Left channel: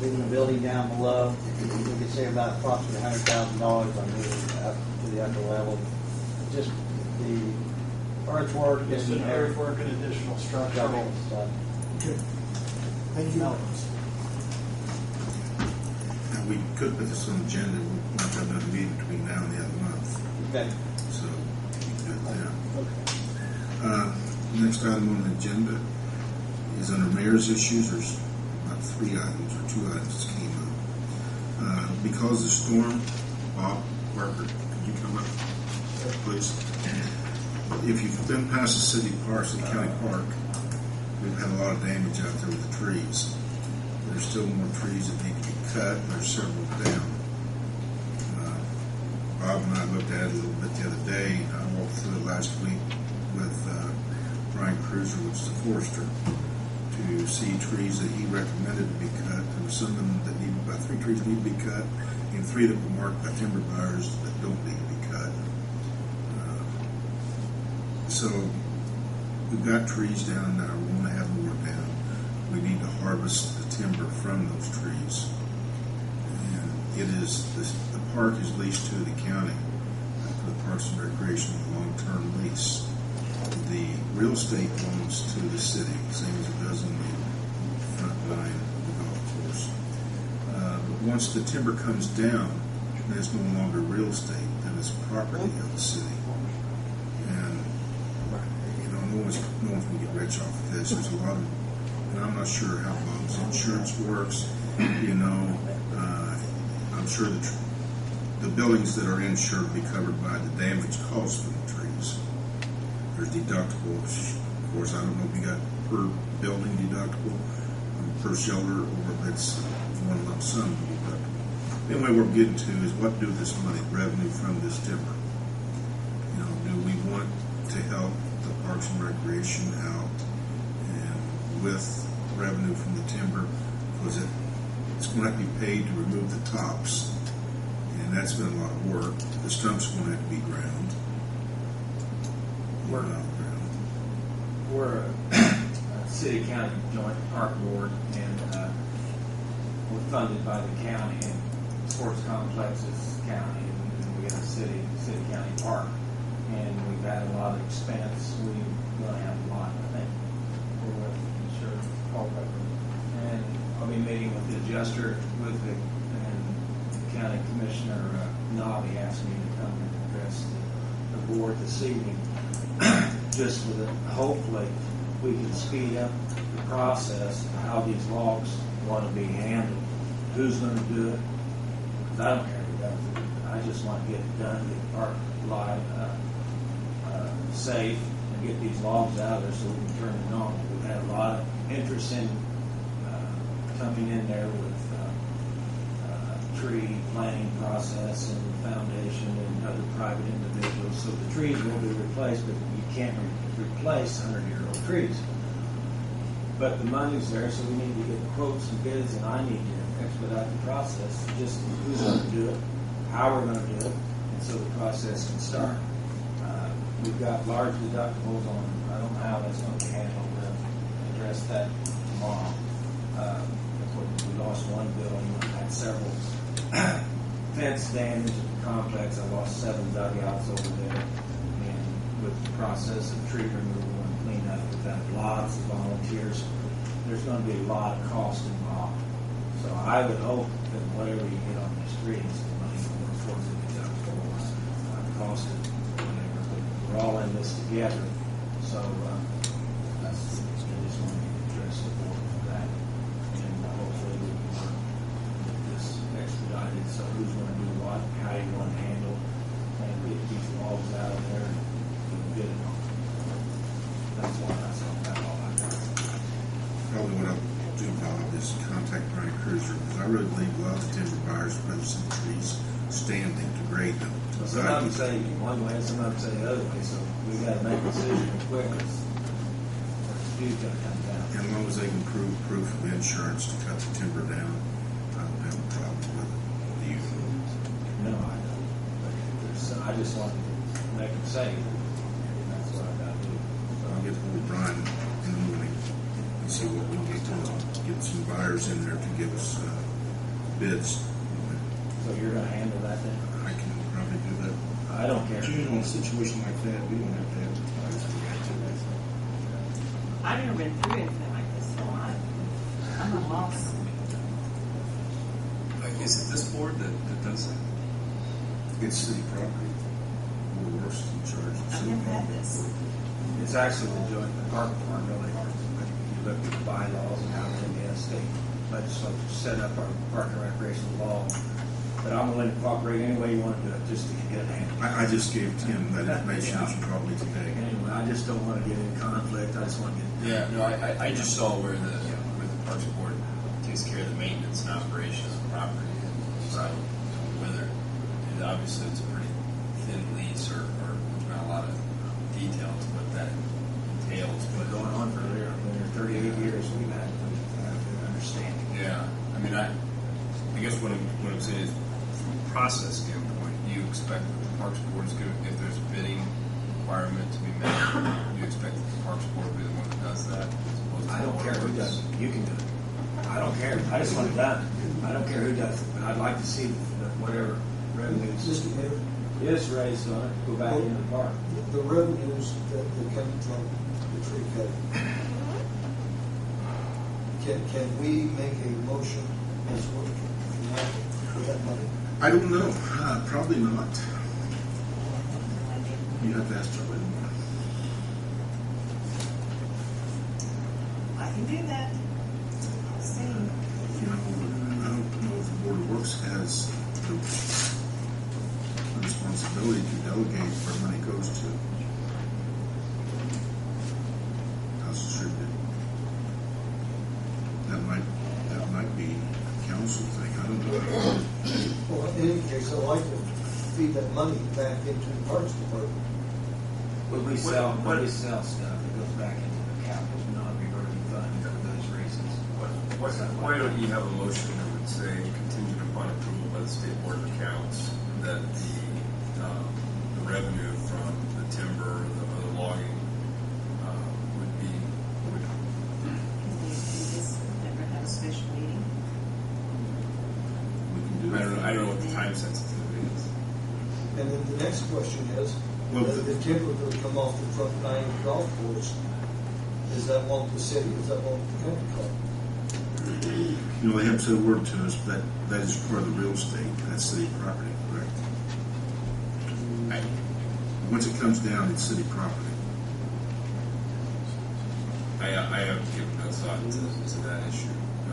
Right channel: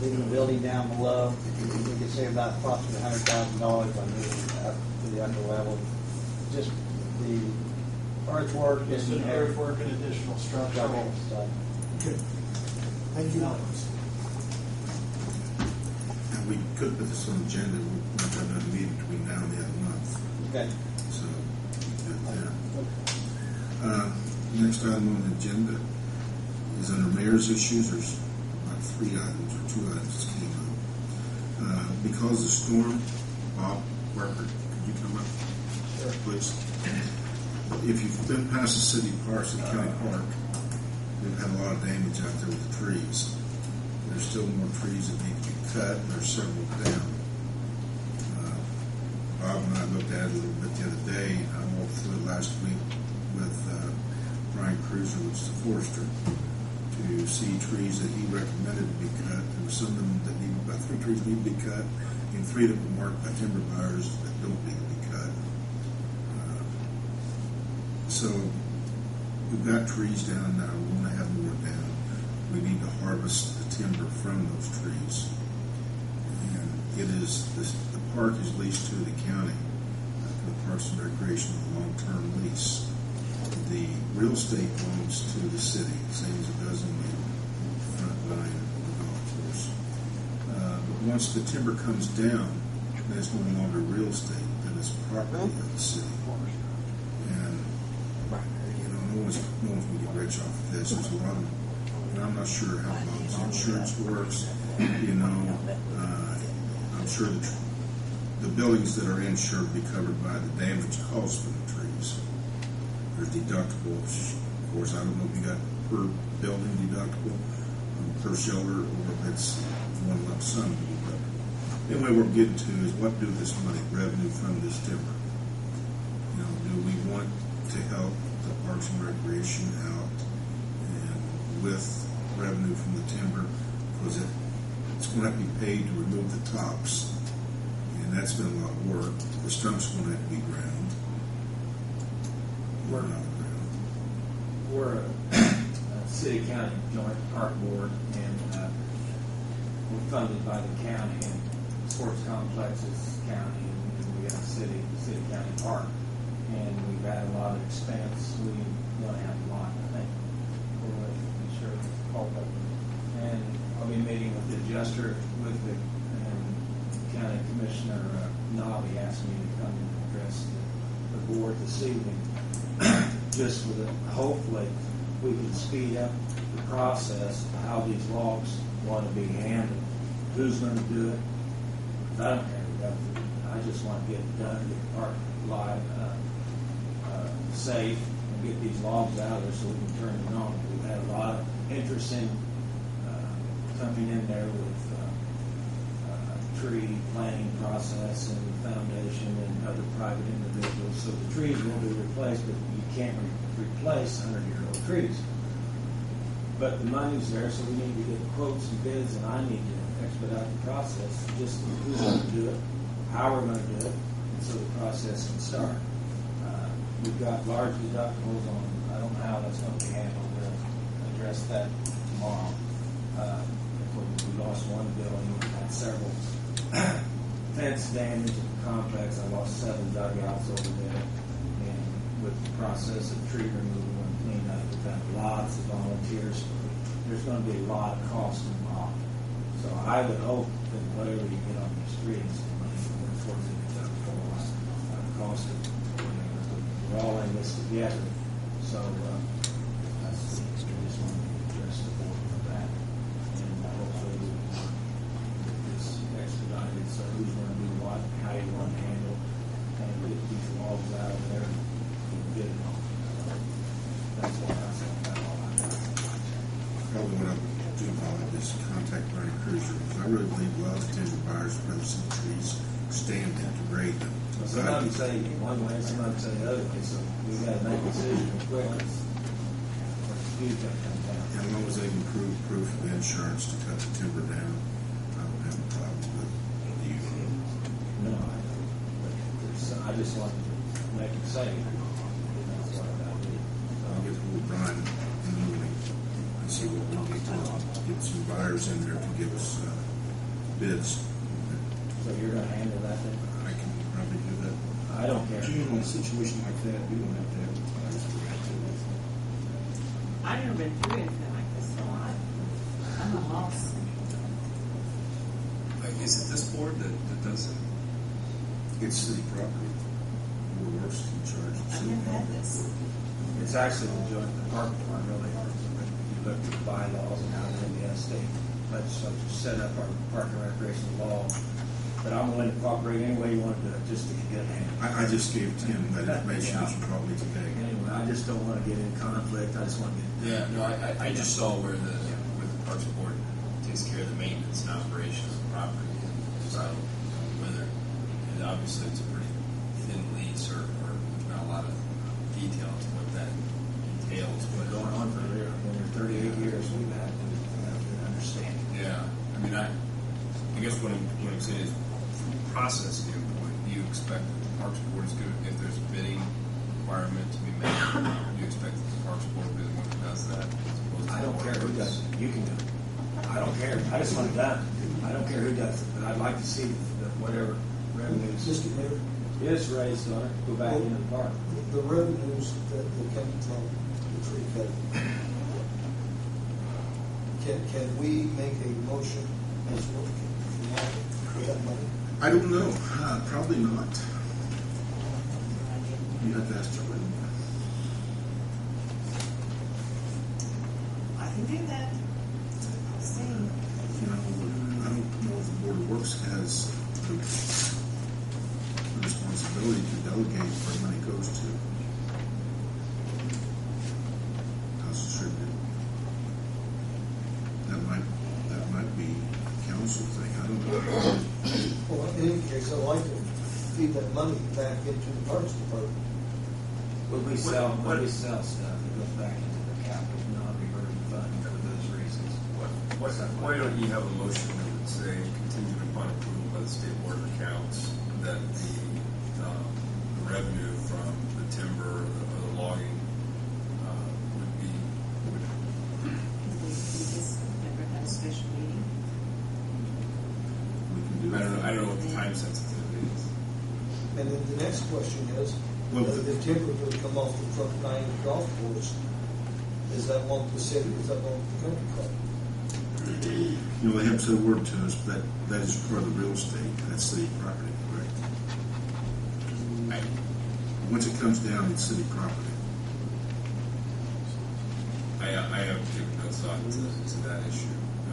leaving the building down below. We could save about approximately $100,000 by moving up to the upper level. Just the earthwork Just and earthwork and additional structural stuff. Okay. Thank you. And we could put this on the agenda. We'll not have another meeting between now and the other month. Okay. So we can do it then. Okay. Next item on the agenda is under mayor's issues. There's about 3 items or 2 items that came up. Because of the storm, Bob Barker, could you come up, please? If you've been past the city park, City County Park, we've had a lot of damage out there with the trees. There's still more trees that need to be cut, and there's several down. Bob and I looked at it a little bit the other day. I walked through it last week with Brian Cruiser, which is the forester, to see trees that he recommended to be cut. There were some of them that need, about 3 trees need to be cut, and 3 that were marked by timber buyers that don't need to be cut. So we've got trees down now. We want to have more down. We need to harvest the timber from those trees. And it is, the park is leased to the county for the Parks and Recreation long-term lease. The real estate belongs to the city, same as it does in the front line of the golf course. But once the timber comes down, then it's no longer real estate, then it's property of the city. And no one's going to get rich off of this. There's a lot of, and I'm not sure how Bob's insurance works. I'm sure the buildings that are insured will be covered by the damage caused from the trees. There's deductibles. Of course, I don't know if you got per building deductible, per shelter, or if it's one lump sum deductible. Anyway, we're getting to is what do this money, revenue from this timber? Do we want to help the Parks and Recreation out and with revenue from the timber? Because it's going to have to be paid to remove the tops, and that's been a lot of work. The stumps are going to have to be ground. We're a city-county joint park board, and we're funded by the county, and sports complex is county, and we have a city-county park. And we've had a lot of expense. We're going to have a lot, I think. We're with insurance, Paul Pepper. And I'll be meeting with the adjuster and County Commissioner Nobby asked me to come and address the board this evening. Just with it, hopefully we can speed up the process of how these logs want to be handled. Who's going to do it? Because I don't care who does it. I just want to get it done, get the park live, safe, and get these logs out of there so we can turn it on. We've had a lot of interest in coming in there with tree planting process and the foundation and other private individuals. So the trees will be replaced, but you can't replace 100-year-old trees. But the money's there, so we need to get quotes and bids, and I need to expedite the process. Just who's going to do it, how we're going to do it, and so the process can start. We've got large deductibles on, I don't know how that's going to be handled. We'll address that tomorrow. We lost one building, we had several fence damage at the complex. I lost 7 dugouts over there. And with the process of tree removal and cleanup, we've had lots of volunteers. There's going to be a lot of cost involved. So I would hope that whatever you get on these trees, the money will work towards the deductible, cost of whatever. But we're all in this together. So I just want to address the board for that. And hopefully we can work this expedited. So who's going to do what, how you want to handle it, and get these logs out of there and get it on. That's why I said that all I got. Probably what I'll do, Bob, is contact Brian Cruiser, because I really believe a lot of the timber buyers would rather see the trees standing to grade them. Some of them say one way, some of them say the other way, so we've got to make a decision quick. Speed's got to come down. And as long as they can prove proof of insurance to cut the timber down, I don't have a problem with it. Do you? No, I don't. But I just wanted to make it safe. And that's what I've got to do. I'll get hold of Brian in the morning and see what we can get to get some buyers in there to give us bids. So you're gonna handle that then? I can probably do that. I don't care. Usually in a situation like that, we don't have to advertise. I've never been through anything like this, so I'm a loss. Is it this board that does that? It's city property. We're worse in charge of I've city never had property. this. It's actually the joint, the park board really, but you look at the bylaws and how the Indiana state legislature set up our park and recreational law. But I'm willing to cooperate any way you want to do it, just to get it handled. I just gave Tim that information probably today. Anyway, I just don't want to get in conflict, I just want to get. Yeah, no, I just saw where the Parks Board takes care of the maintenance and operation of the property. So whether, and obviously it's a pretty thin lease or there's not a lot of detail to what that entails. But going on for there, I've been here 38 years, we've had a good understanding. Yeah, I mean, I guess what I'm saying is, from a process standpoint, do you expect that the Parks Board is going to, if there's a bidding requirement to be met, do you expect that the Parks Board will be the one that does that? As opposed to I don't care who does it, you can do it. I don't care, I just want it done. I don't care who does it, but I'd like to see that whatever revenues Mr. Mayor, is raised on it, go back into the park. the revenues that come from the tree cutting, can we make a motion as well for that money? I don't know. Probably not. You have to ask Charlie. I can do that. I'll see. You know, I don't know if the Board of Works has the responsibility to delegate where money goes to. How it's distributed. That might be a council thing. I don't know. Well, in any case, I'd like to feed that money back into the Parks Department. When we sell stuff, it goes back into the capital non-reverting fund for those reasons. Why don't you have a motion that would say contingent upon approval by the State Board of Accounts that the revenue from the timber or the logging would We just never had a special meeting. We can do it. I don't know what the time sensitivity is. And then the next question is, Well, the timber that come off the front nine golf course, does that belong to the city, does that belong to the country club? You know, they haven't said a word to us, but that is part of the real estate. That's city property, correct? Once it comes down, it's city property. I haven't given no thought to that issue. I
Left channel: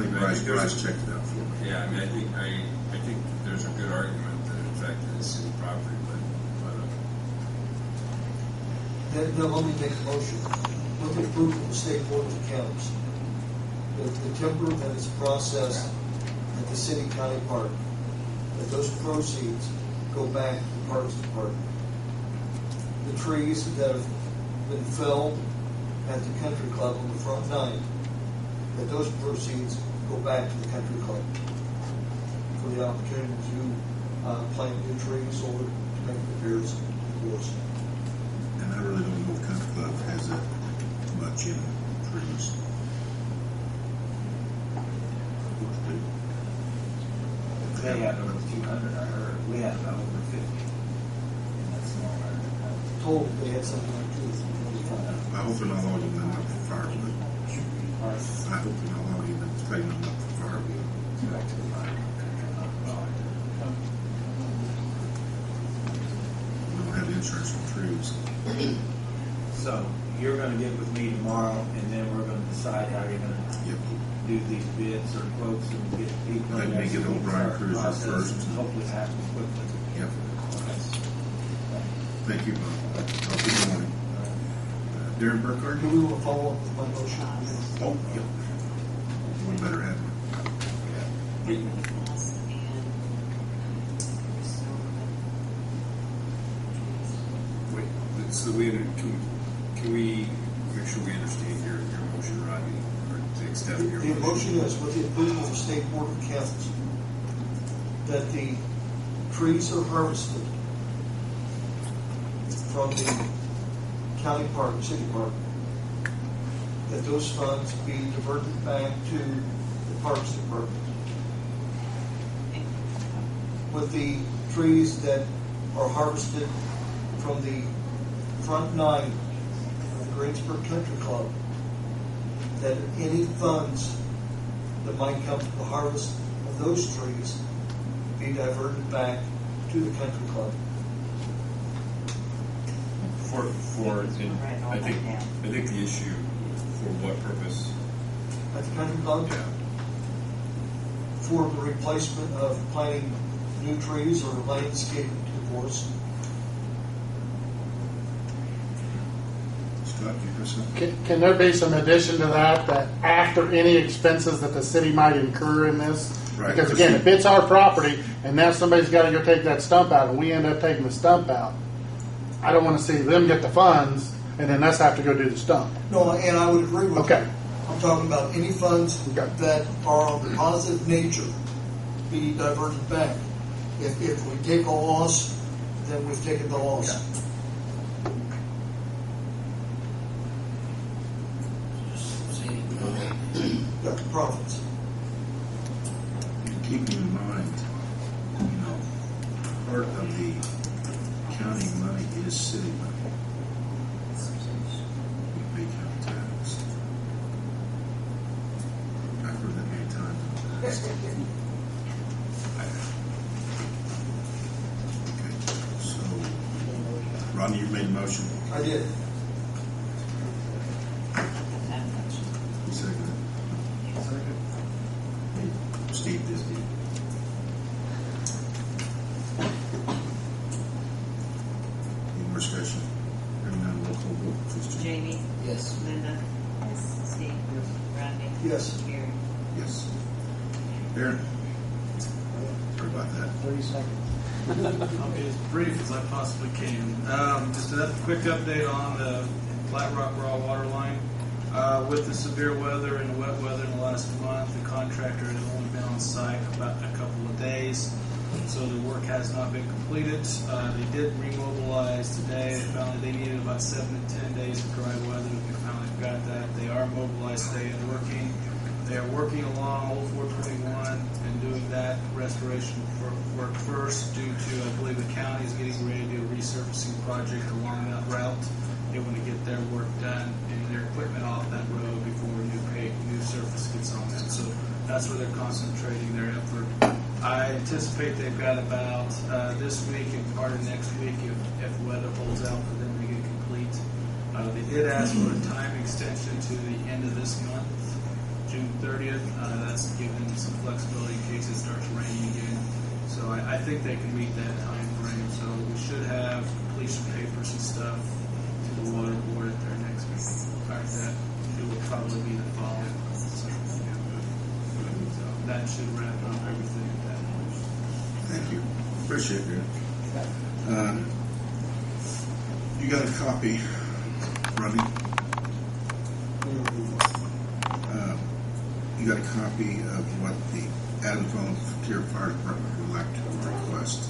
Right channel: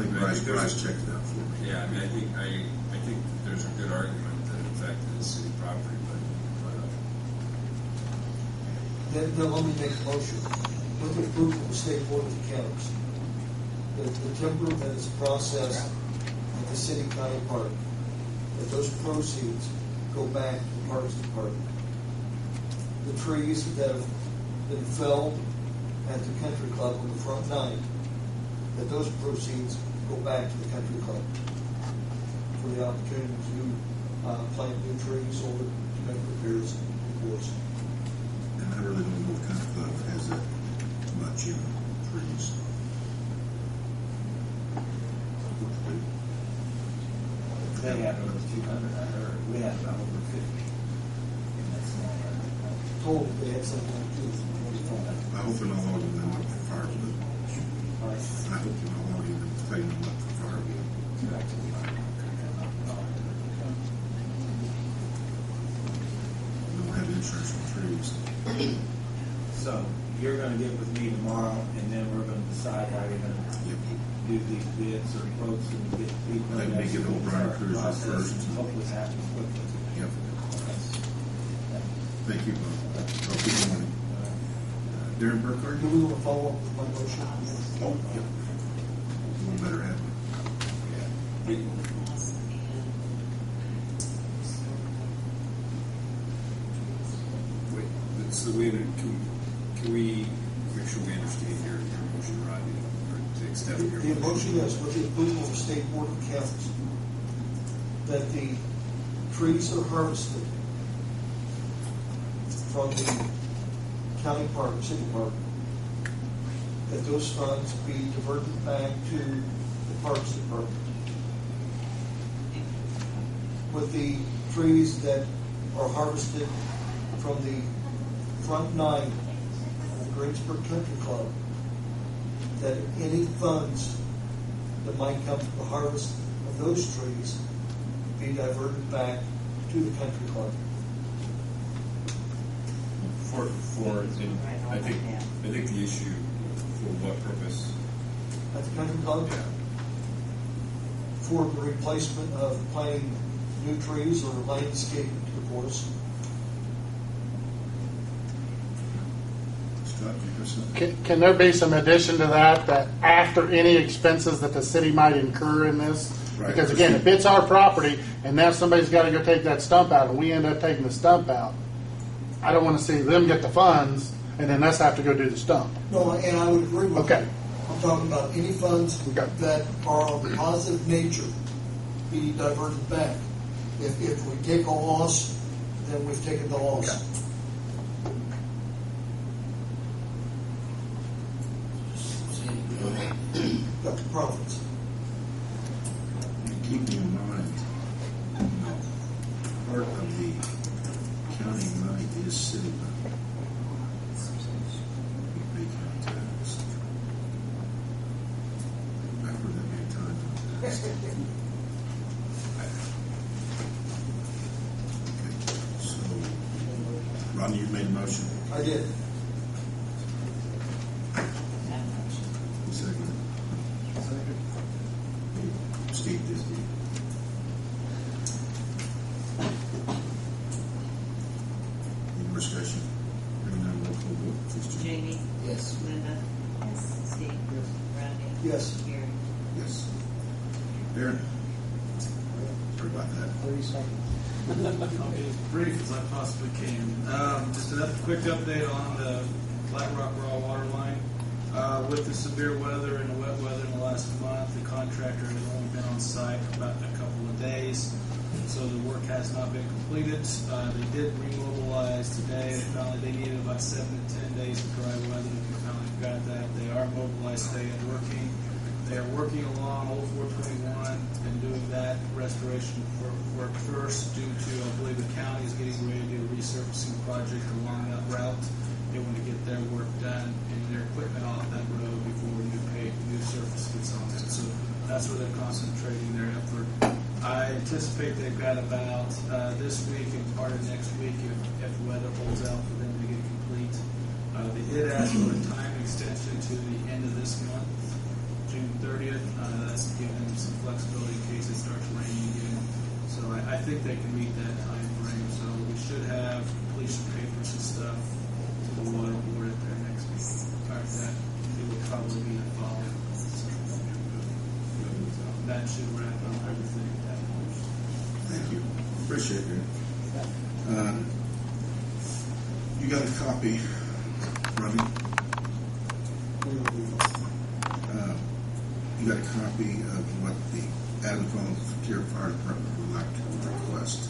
think Bryce checked it out for me. Yeah, I mean, I think that there's a good argument that in fact it is city property, but Then let me make a motion, with the approval of the State Board of Accounts, that the timber that is processed at the city county park, that those proceeds go back to the Parks Department. The trees that have been felled at the country club on the front nine, that those proceeds go back to the country club for the opportunity to plant new trees or to make repairs in the course. And I really don't know if Country Club has that much in trees. They have over 200, I heard. We had about over 50 in that small area. Told they had something like 2 or 3. I hope they're not logging them up for firewood. I hope they're not logging them, cutting them up for firewood. Back to the line. We don't have insurance for trees. So you're going to get with me tomorrow, and then we're going to decide how you're going to Yep. do these bids or quotes and get people. Let me get old Brian Cruiser first. And hopefully it happens quickly. Yep. Thank you, Bob. I'll keep you morning. Darren Burkhardt? Do we want to follow up with my motion? Oh, yep. One better have one. wait, so can we make sure we understand your motion, Rodney, or to the extent of your The motion is with the approval of the State Board of Accounts that the trees are harvested from the county park, city park, that those funds be diverted back to the Parks Department. With the trees that are harvested from the front nine of the Greensburg Country Club, that any funds that might come from the harvest of those trees be diverted back to the country club. I think the issue for what purpose? At the country club? Yeah. For the replacement of planting new trees or landscaping, of course. Scott, you have something? Can there be some addition to that after any expenses that the city might incur in this? Right. Because again, if it's our property and now somebody's got to go take that stump out and we end up taking the stump out, I don't want to see them get the funds and then us have to go do the stump. No, and I would agree with Okay. you. I'm talking about any funds Okay. that are of a positive nature be diverted back. If we take a loss, then we've taken the loss. Got the profits. And keeping in mind, part of the county money is city money. We pay county tax. I've heard that many times in the past. Okay, so, Ronnie, you made a motion. I did. You seconded it. Second. Steve did. Any more discussion? Hearing none, roll call vote, please, Jim. Jamie? Yes. Linda? Yes. Steve? Yes. Randy? Yes. Gary? Yes. Aaron? Sorry about that. 30 seconds. I'll be as brief as I possibly can. Just a quick update on the Flat Rock Raw Water Line. With the severe weather and the wet weather in the last month, the contractor has only been on site about a couple of days, so the work has not been completed. They did remobilize today. They found that they needed about 7 to 10 days of dry weather. They finally got that. They are mobilized today and working. They are working along Old 421 and doing that restoration work first due to, I believe, the county is getting ready to do a resurfacing project along that route. They want to get their work done and their equipment off that road before new surface gets on that. So that's where they're concentrating their effort. I anticipate they've got about this week and part of next week, if the weather holds out for them to get complete. They did ask for a time extension to the end of this month, June 30th. That's given them some flexibility in case it starts raining again. So I think they can meet that time frame. So we should have completion papers and stuff to the water board at their next meeting. In fact, it will probably be the following month. So that should wrap up everything at that point. Thank you. Appreciate it. You got a copy, Robbie? You got a copy of what the Adams Volunteer Fire Department would like to request.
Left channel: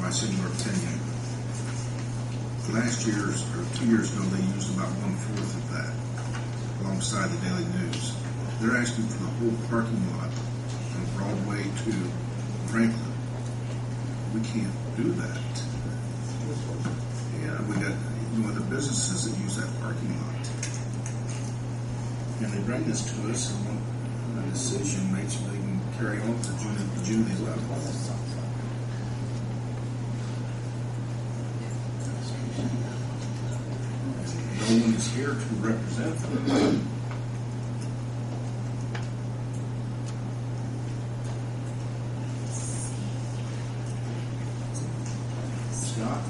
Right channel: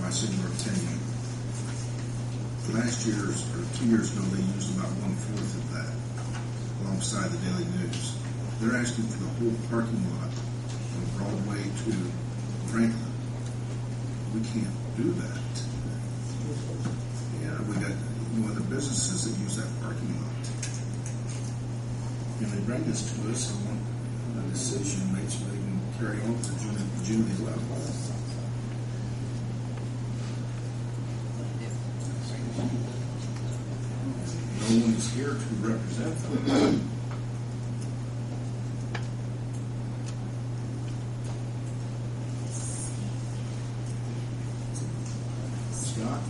My singular opinion. Last year's, or 2 years ago, they used about 1/4 of that alongside the Daily News. They're asking for the whole parking lot from Broadway to Franklin. We can't do that. Yeah, we got other businesses that use that parking lot. And they bring this to us and want a decision made so they can carry on to June the 11th. No one is here to represent them. Scott,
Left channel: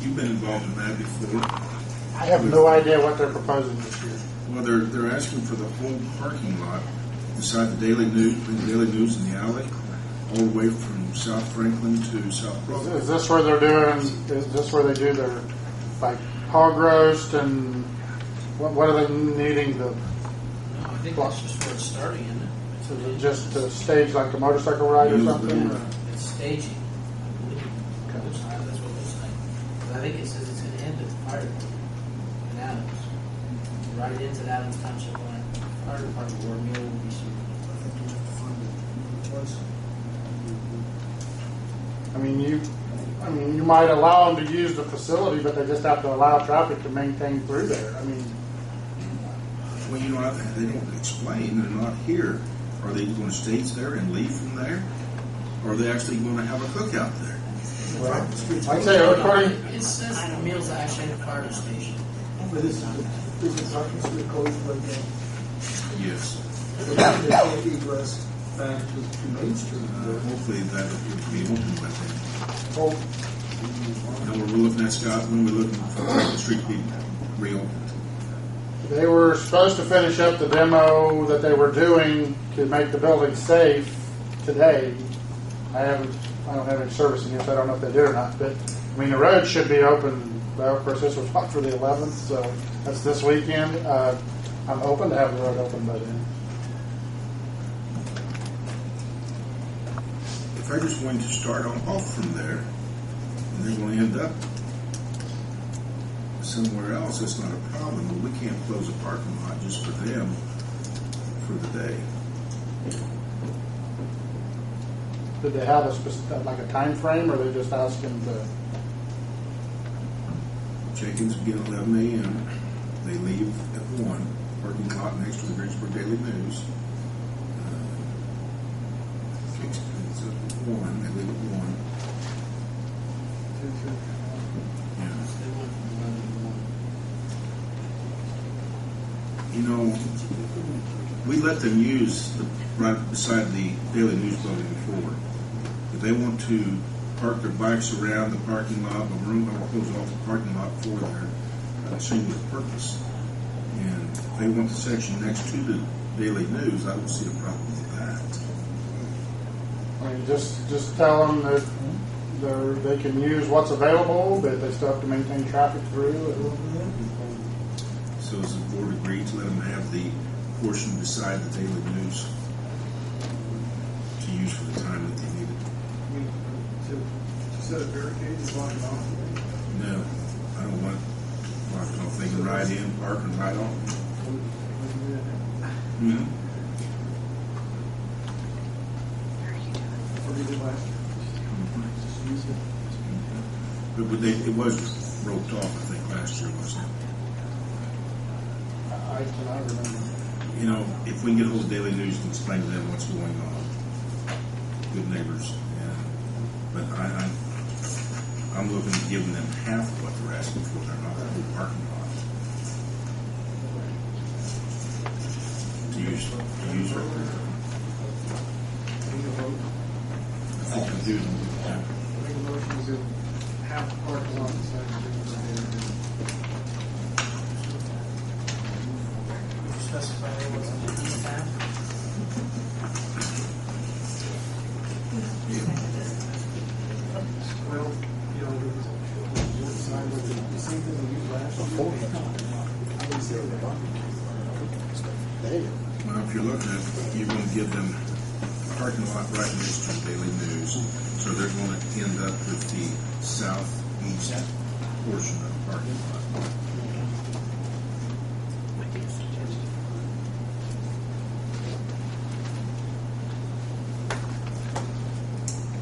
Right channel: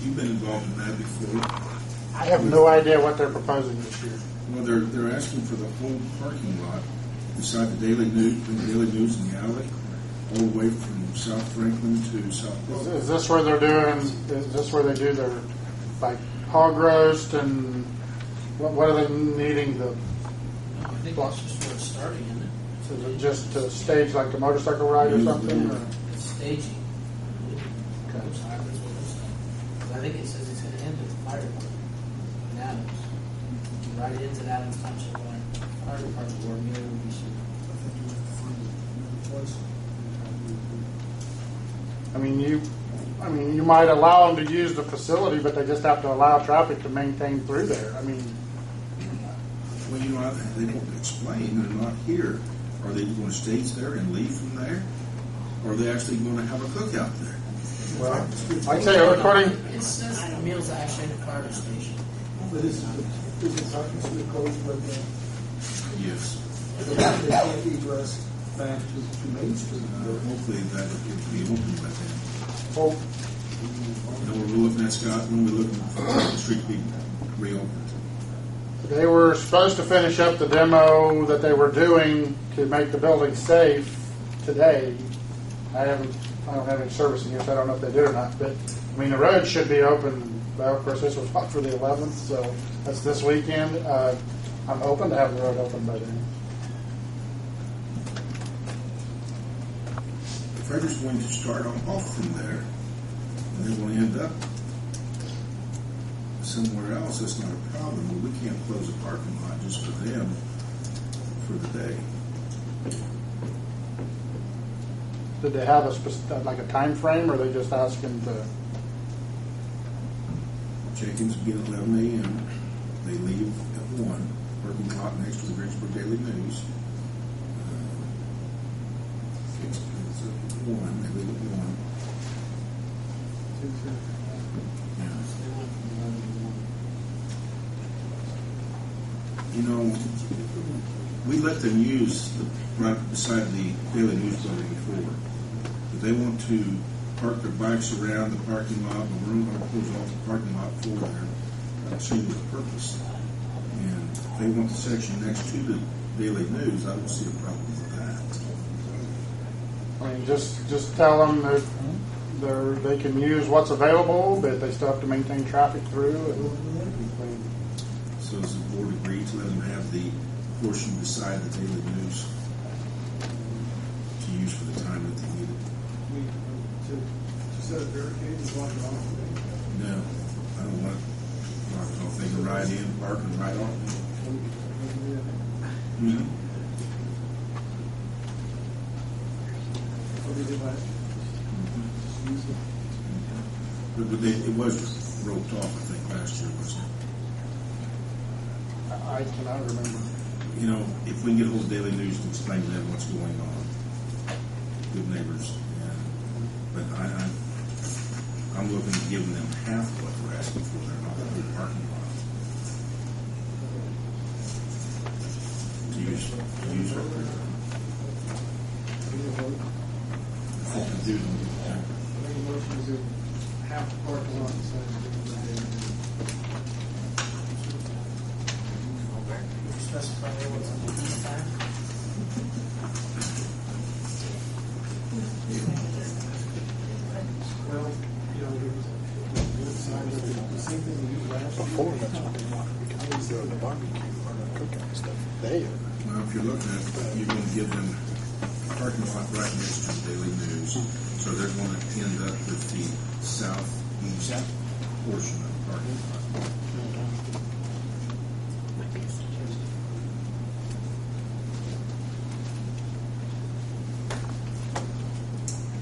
you've been involved in that before. I have no idea what they're proposing this year. Well, they're asking for the whole parking lot beside the Daily News in the alley, all the way from South Franklin to South Broadway. Is this where they're doing? Is this where they do their like hog roast and what are they needing? No, I think that's just where it's starting, isn't it? Is it just to stage like a motorcycle ride or something? Or? It's staging, I believe. Okay. That's what they're saying. But I think it says it's going to end at the fire department. right into the Adams Township line. Fire department where a meal will be served. I think you have to find it once. I mean, you might allow them to use the facility, but they just have to allow traffic to maintain through there. I mean, Well, you know, they don't explain, they're not here. Are they going to stay there and leave from there? Or are they actually going to have a cookout there? well, I'd say according, It says the meal's actually in the fire station. But is the parking street closed right now? Yes. They can't egress back to Main Street. Hopefully that will be open by then. well, You know, we're looking at, Scott, when we're looking for the street being reopened. they were supposed to finish up the demo that they were doing to make the building safe today. I don't have any service in here, so I don't know if they did or not. But I mean, the road should be open. Well, of course, this was not for the 11th, so that's this weekend. I'm hoping to have the road open by then. If they're just going to start off from there, and they're going to end up somewhere else, that's not a problem. But we can't close a parking lot just for them for the day. Did they have like a time frame, or are they just asking to? Check-ins begin at 11 a.m. They leave at 1. Parking lot next to the Greensburg Daily News. It's at 1. They leave at 1. Yeah. You know, we let them use the right beside the Daily News building before. If they want to park their bikes around the parking lot, but we're going to close off the parking lot for their singular purpose. And if they want the section next to the Daily News, I don't see a problem with that. I mean, just tell them that they can use what's available, but they still have to maintain traffic through. So has the board agreed to let them have the portion beside the Daily News to use for the time that they need it? To set a barricade and block it off. No, I don't want it blocked off. They can ride in, park, and ride off. Mm-hmm. What we did last year. Just use it. But it was roped off, I think, last year, wasn't it? I cannot remember. You know, if we can get a hold of Daily News and explain to them what's going on, good neighbors. Yeah. But I'm looking at giving them half what they're asking for. They're not in the parking lot to use right there. I think I'm doing that. Make a motion to half the parking lot inside the Specify what's on the east half. Well, you know, the side with the same thing we used last year. Well, if you're looking at it, you're going to give them a parking lot right next to the Daily News, so they're going to end up with the southeast portion of the parking lot.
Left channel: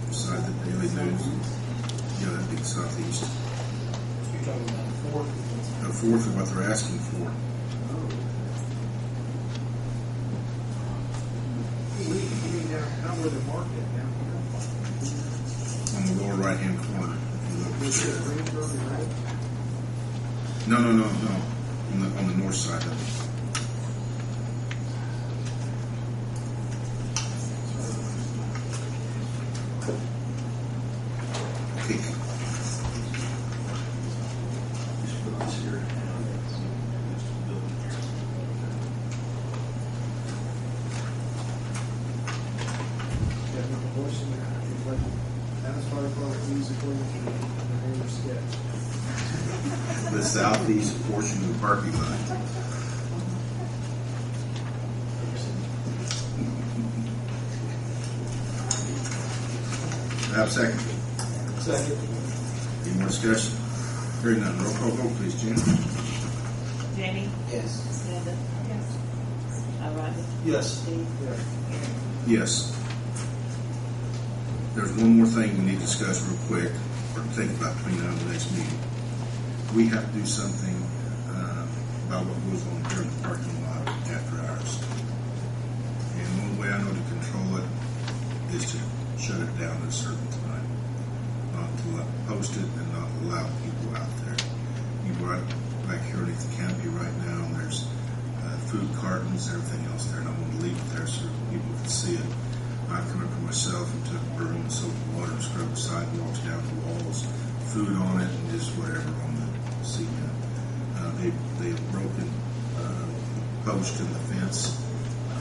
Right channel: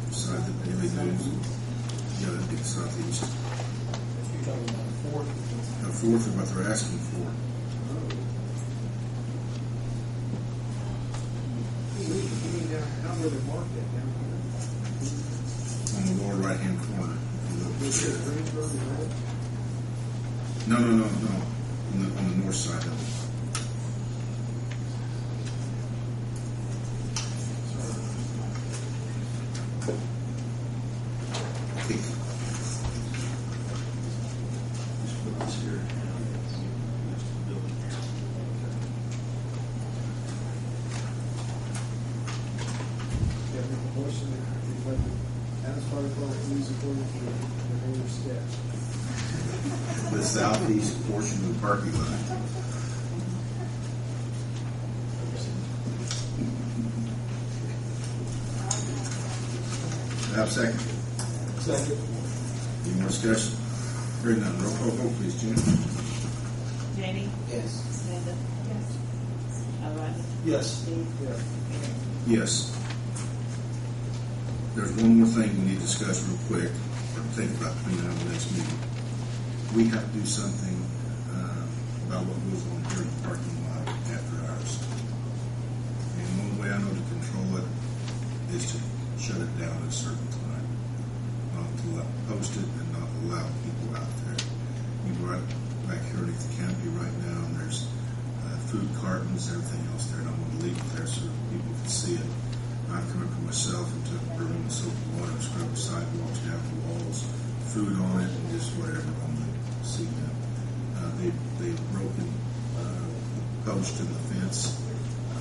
Beside the Daily News, yeah, that'd be the southeast. You're talking about fourth. A fourth of what they're asking for. Not where they marked it down On the lower right-hand corner. here. Greensburg and Red. No. On the north side of it. Peak. Yeah, make a motion to let Adams Fire Department use according to the neighbor's sketch. The southeast portion of the parking lot. Have a second. Second. Any more discussion? Hearing none. Roll call vote, please, Jim. Jamie? Yes. Sue? Yes. Steve? Yes. There's one more thing we need to discuss real quick, or think about between now and the next meeting. We have to do something about what goes on here in the parking lot after hours. And the only way I know to control it is to shut it down at a certain time, not to post it and not allow people out there. You right back here underneath the canopy right now, and there's food cartons, everything else there, and I'm going to leave it there so people can see it. I come in for myself and took broom and soap and water and scrubbed the sidewalks down the walls, food on it, and just whatever on the cement. They've broken a post in the fence,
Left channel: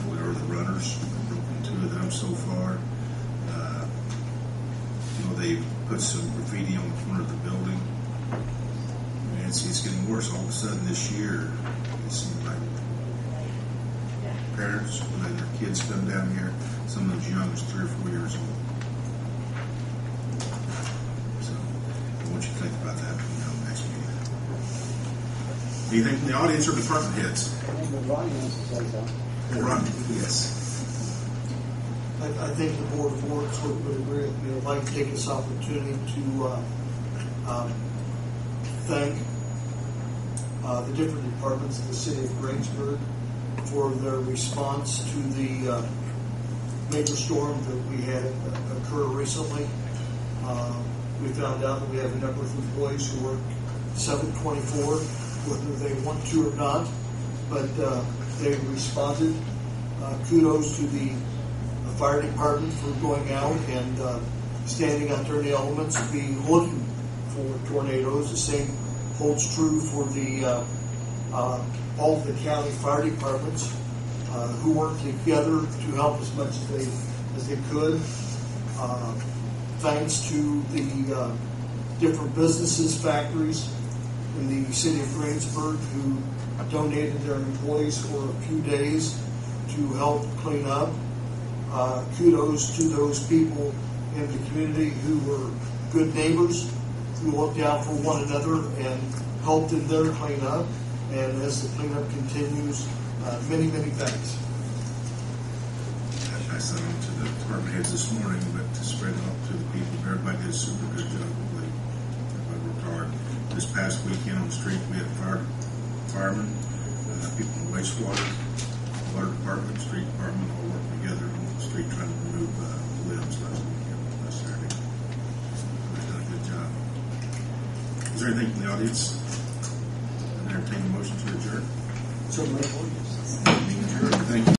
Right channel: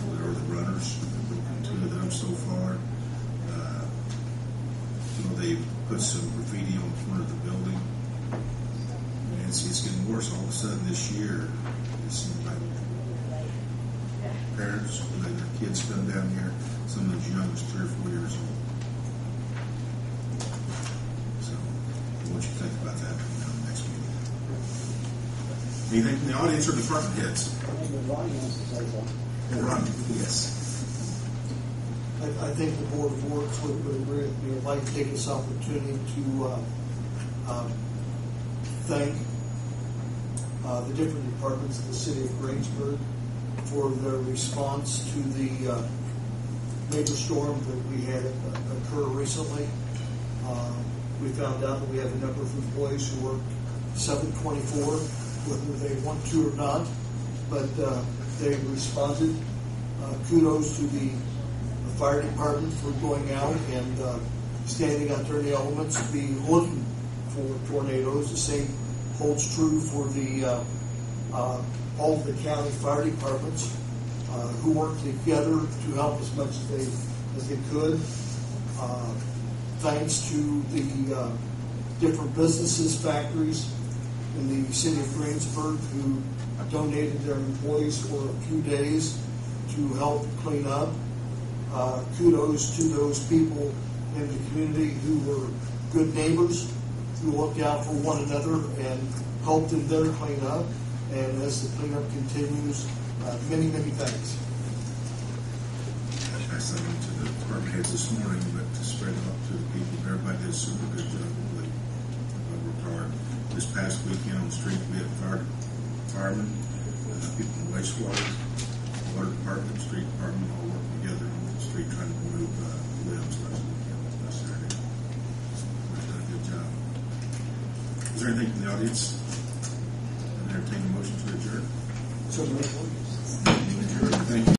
or the runners. They've broken 2 of them so far. They've put some graffiti on the corner of the building. And it's getting worse. All of a sudden this year, it seems like parents letting their kids come down here, some of as young as 3 or 4 years old. So, I want you to think about that next meeting. Anything from the audience or department heads? Ronnie wants to say something. Ronnie, yes. I think the Board of Works would agree with me. I'd like to take this opportunity to thank the different departments of the city of Greensburg for their response to the major storm that we had occur recently. We found out that we have a number of employees who work 7/24, whether they want to or not, but they responded. Kudos to the fire department for going out and standing out there in the elements, be looking for tornadoes. The same holds true for the all of the county fire departments who worked together to help as much as they could. Thanks to the different businesses, factories in the city of Greensburg who donated their employees for a few days to help clean up. Kudos to those people in the community who were good neighbors, who looked out for one another and helped in their cleanup. And as the cleanup continues, many, many thanks. I sent them to the department heads this morning, but to spread it out to the people, everybody did a super good job. Everybody worked hard. This past weekend on the street, we had firemen, people from wastewater, water department, street department, all working together on the street trying to remove limbs last weekend, last Saturday. Everybody's done a good job. Is there anything from the audience? I entertain a motion to adjourn. So,